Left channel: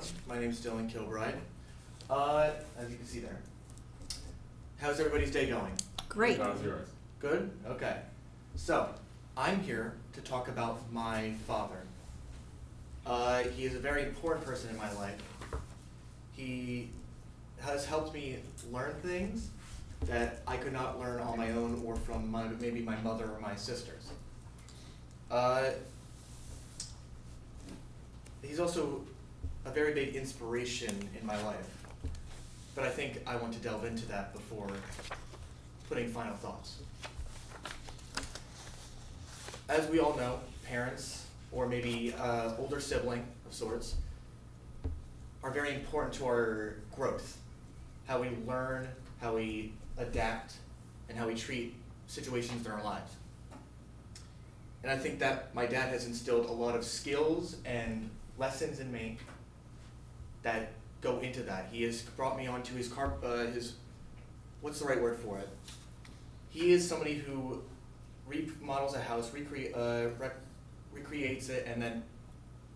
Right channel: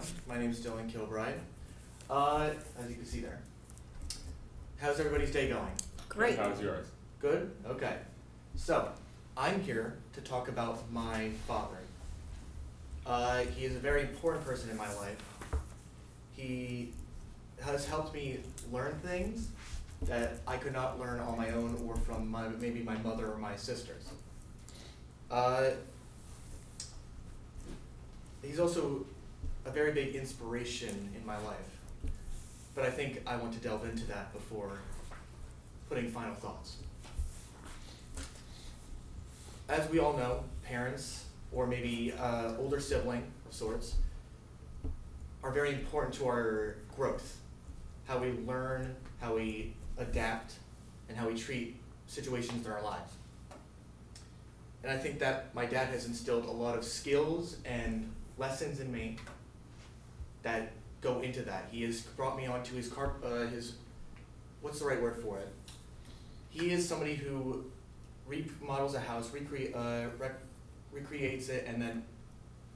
much. My name is Dylan Kilbride. As you can see there. How's everybody's day going? Great. How's yours? Good? Okay. So, I'm here to talk about my father. He is a very important person in my life. He has helped me learn things that I could not learn on my own or from maybe my mother or my sisters. He's also a very big inspiration in my life, but I think I want to delve into that before putting final thoughts. As we all know, parents, or maybe older sibling of sorts, are very important to our growth, how we learn, how we adapt, and how we treat situations in our lives. And I think that my dad has instilled a lot of skills and lessons in me that go into that. He has brought me onto his what's the right word for it? He is somebody who remodels a house, recreates it, and then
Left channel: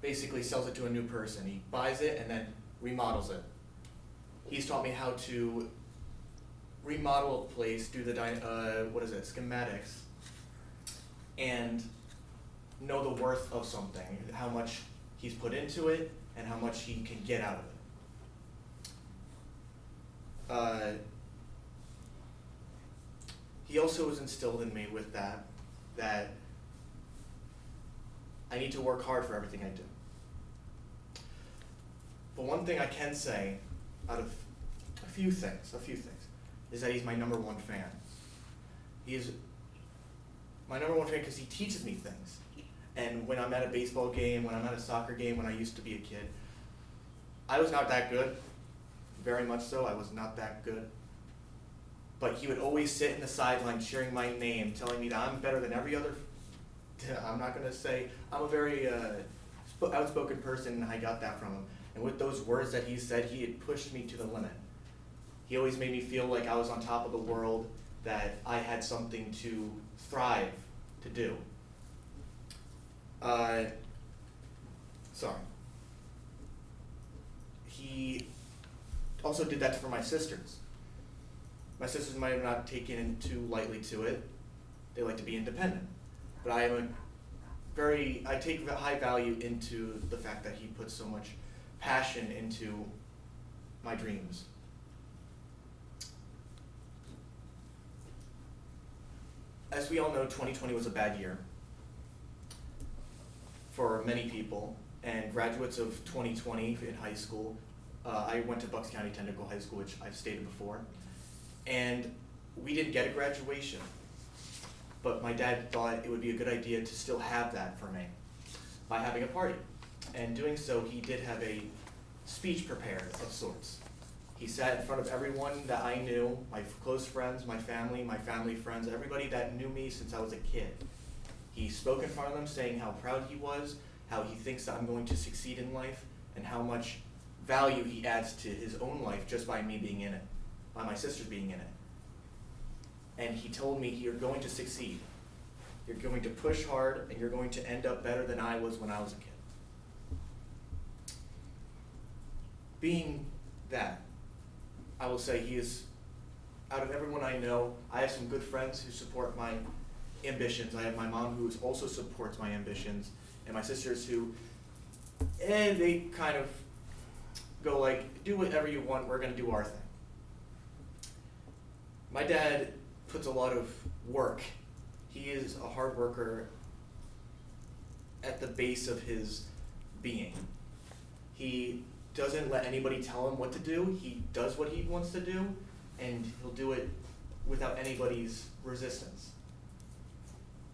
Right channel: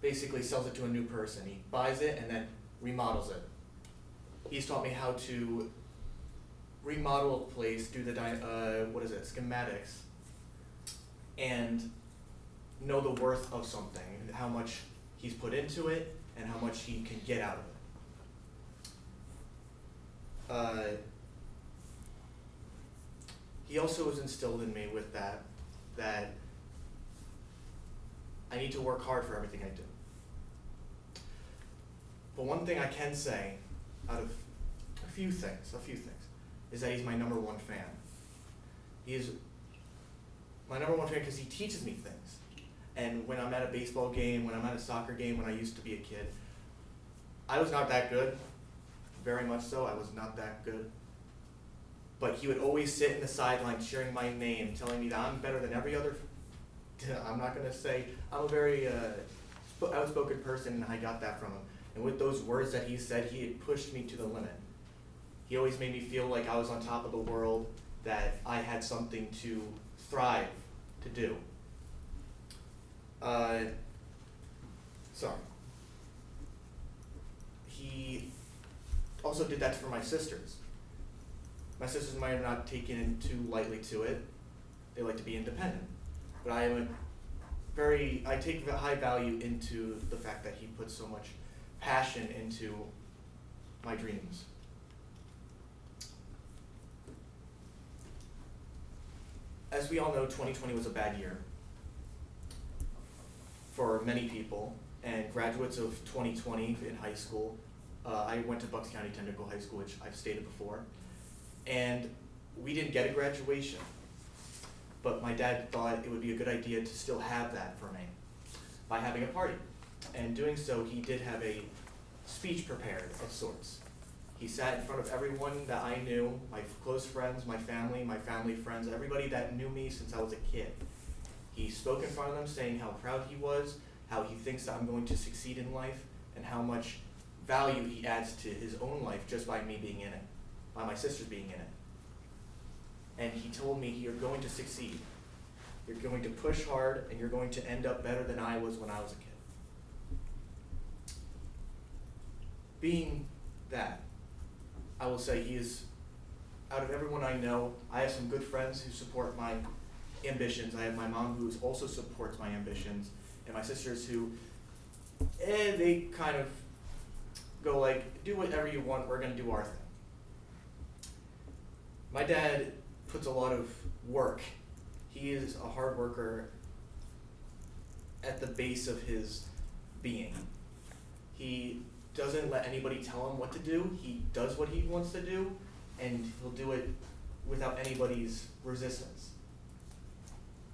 basically sells it to a new person. He buys it and then remodels it. He's taught me how to remodel a place, do the schematics, and know the worth of something, how much he's put into it, and how much he can get out of it. He also has instilled in me with that I need to work hard for everything I do. But one thing I can say, out of a few things, is that he's my number one fan. He is my number one fan because he teaches me things. And when I'm at a baseball game, when I'm at a soccer game, when I used to be a kid, I was not that good. Very much so, I was not that good. But he would always sit in the sideline cheering my name, telling me that I'm better than every other. I'm not going to say, I'm a very outspoken person, and I got that from him. And with those words that he said, he had pushed me to the limit. He always made me feel like I was on top of the world, that I had something to thrive to do. He also did that for my sisters. My sisters might have not taken too lightly to it. They like to be independent. But I take high value into the fact that he puts so much passion into my dreams. As we all know, 2020 was a bad year for many people, and graduates of 2020 in high school, I went to Bucks County Technical High School, which I've stated before, and we didn't get a graduation, but my dad thought it would be a good idea to still have that for me by having a party. And doing so, he did have a speech prepared of sorts. He sat in front of everyone that I knew, my close friends, my family friends, everybody that knew me since I was a kid. He spoke in front of them saying how proud he was, how he thinks that I'm going to succeed in life, and how much value he adds to his own life just by me being in it, by my sisters being in it. And he told me, you're going to succeed. You're going to push hard, and you're going to end up better than I was when I was a kid. Being that, I will say he is, out of everyone I know, I have some good friends who support my ambitions. I have my mom who also supports my ambitions, and my sisters who, they kind of go like, do whatever you want, we're gonna do our thing. My dad puts a lot of work. He is a hard worker at the base of his being. He doesn't let anybody tell him what to do. He does what he wants to do, and he'll do it without anybody's resistance.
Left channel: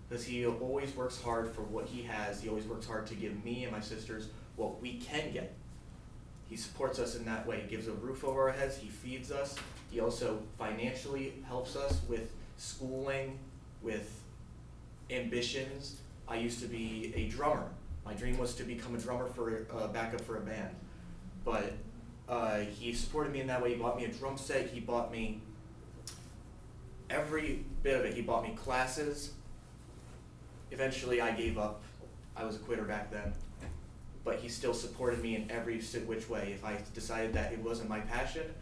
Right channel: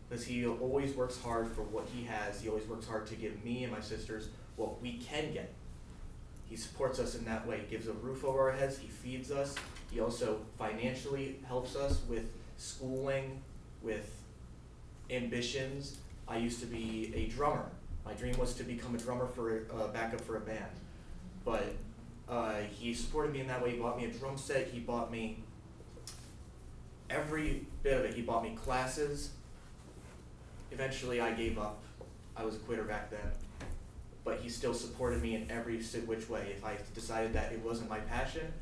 Because he always works hard for what he has. He always works hard to give me and my sisters what we can get. He supports us in that way. He gives a roof over our heads. He feeds us. He also financially helps us with schooling, with ambitions. I used to be a drummer. My dream was to become a drummer for backup for a band. But he supported me in that way. He bought me a drum set. He bought me every bit of it. He bought me classes. Eventually I gave up. I was a quitter back then. But he still supported me in every which way. If I decided that it wasn't my passion,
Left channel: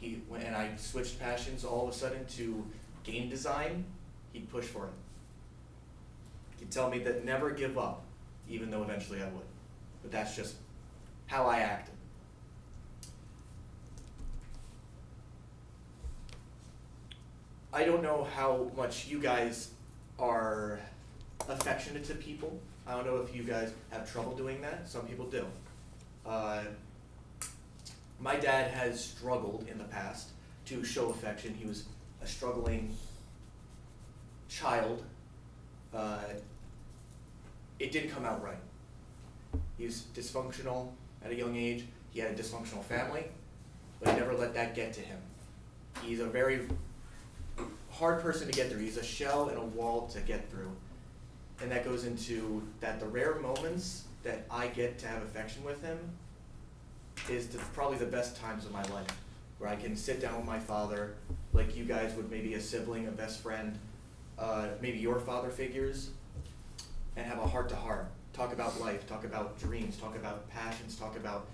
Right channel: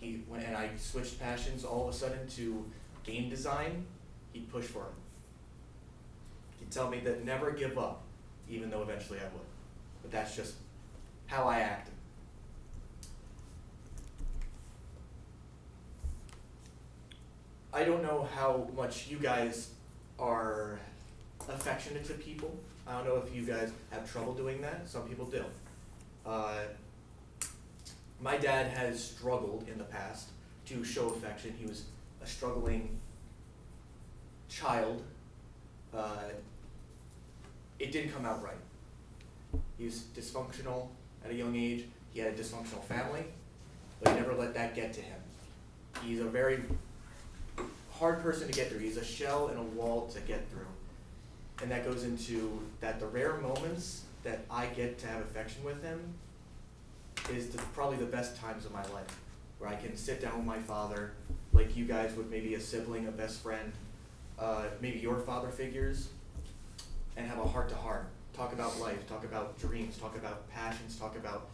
and I switched passions all of a sudden to game design, he'd push for it. He'd tell me that never give up, even though eventually I would. But that's just how I acted. I don't know how much you guys are affectionate to people. I don't know if you guys have trouble doing that. Some people do. My dad has struggled in the past to show affection. He was a struggling child. It didn't come out right. He was dysfunctional at a young age. He had a dysfunctional family, but he never let that get to him. He's a very hard person to get through. He's a shell and a wall to get through. And that goes into that the rare moments that I get to have affection with him is probably the best times of my life, where I can sit down with my father, like you guys would, maybe a sibling, a best friend, maybe your father figures, and have a heart-to-heart. Talk about life, talk about dreams, talk about passions, talk about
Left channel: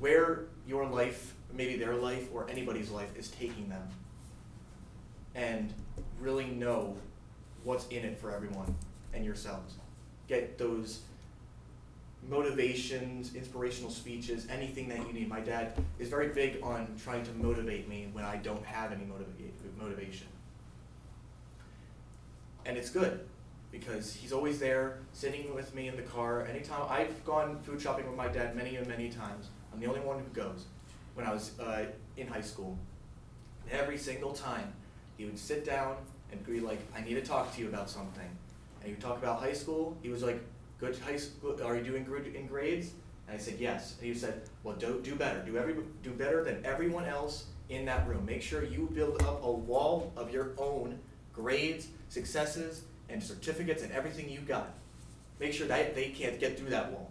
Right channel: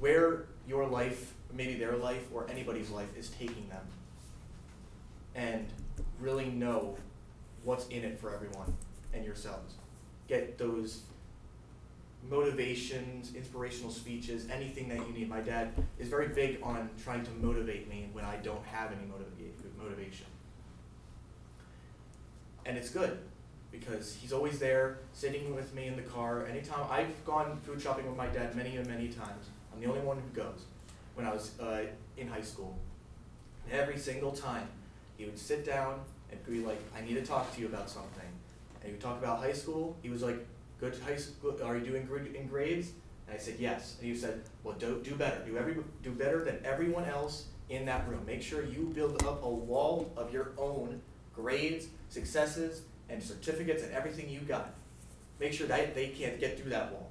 where your life, maybe their life, or anybody's life is taking them. And really know what's in it for everyone and yourselves. Get those motivations, inspirational speeches, anything that you need. My dad is very big on trying to motivate me when I don't have any motivation. And it's good, because he's always there, sitting with me in the car. Anytime I've gone food shopping with my dad many and many times. I'm the only one who goes. When I was in high school, every single time, he would sit down and be like, I need to talk to you about something. And he would talk about high school. He was like, good high school, are you doing good in grades? And I said, yes. And he said, well, do better. Do better than everyone else in that room. Make sure you build up a wall of your own grades, successes, and certificates and everything you got. Make sure that they can't get through that wall.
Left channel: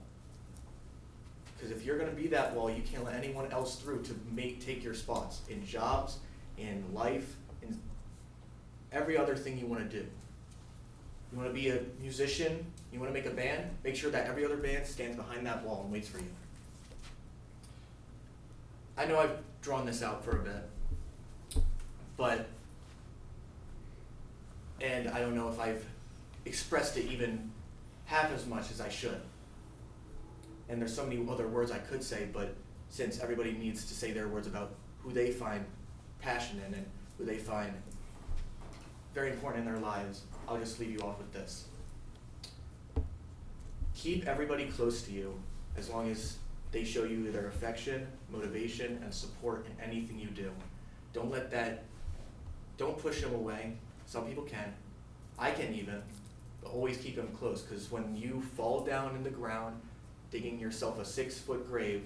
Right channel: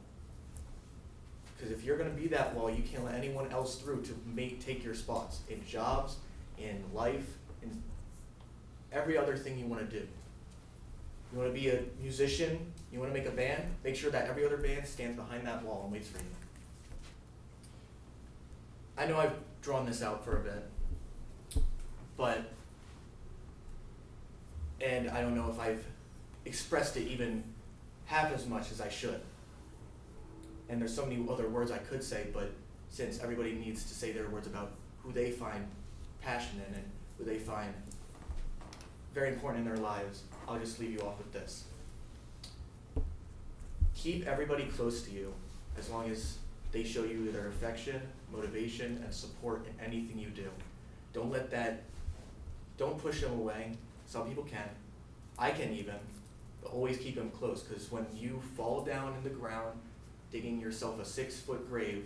Because if you're going to be that wall, you can't let anyone else through to take your spots in jobs, in life, in every other thing you want to do. You want to be a musician, you want to make a band, make sure that every other band stands behind that wall and waits for you. I know I've drawn this out for a bit, and I don't know if I've expressed it even half as much as I should. And there's so many other words I could say, but since everybody needs to say their words about who they find passion in and who they find very important in their lives, I'll just leave you off with this. Keep everybody close to you as long as they show you their affection, motivation, and support in anything you do. Don't push them away. Some people can. I can even, but always keep them close, because when you fall down in the ground, digging yourself a 6-foot grave,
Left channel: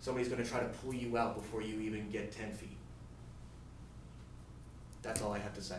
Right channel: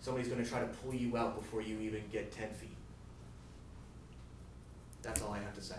somebody's going to try to pull you out before you even get 10 feet. That's all I have to say.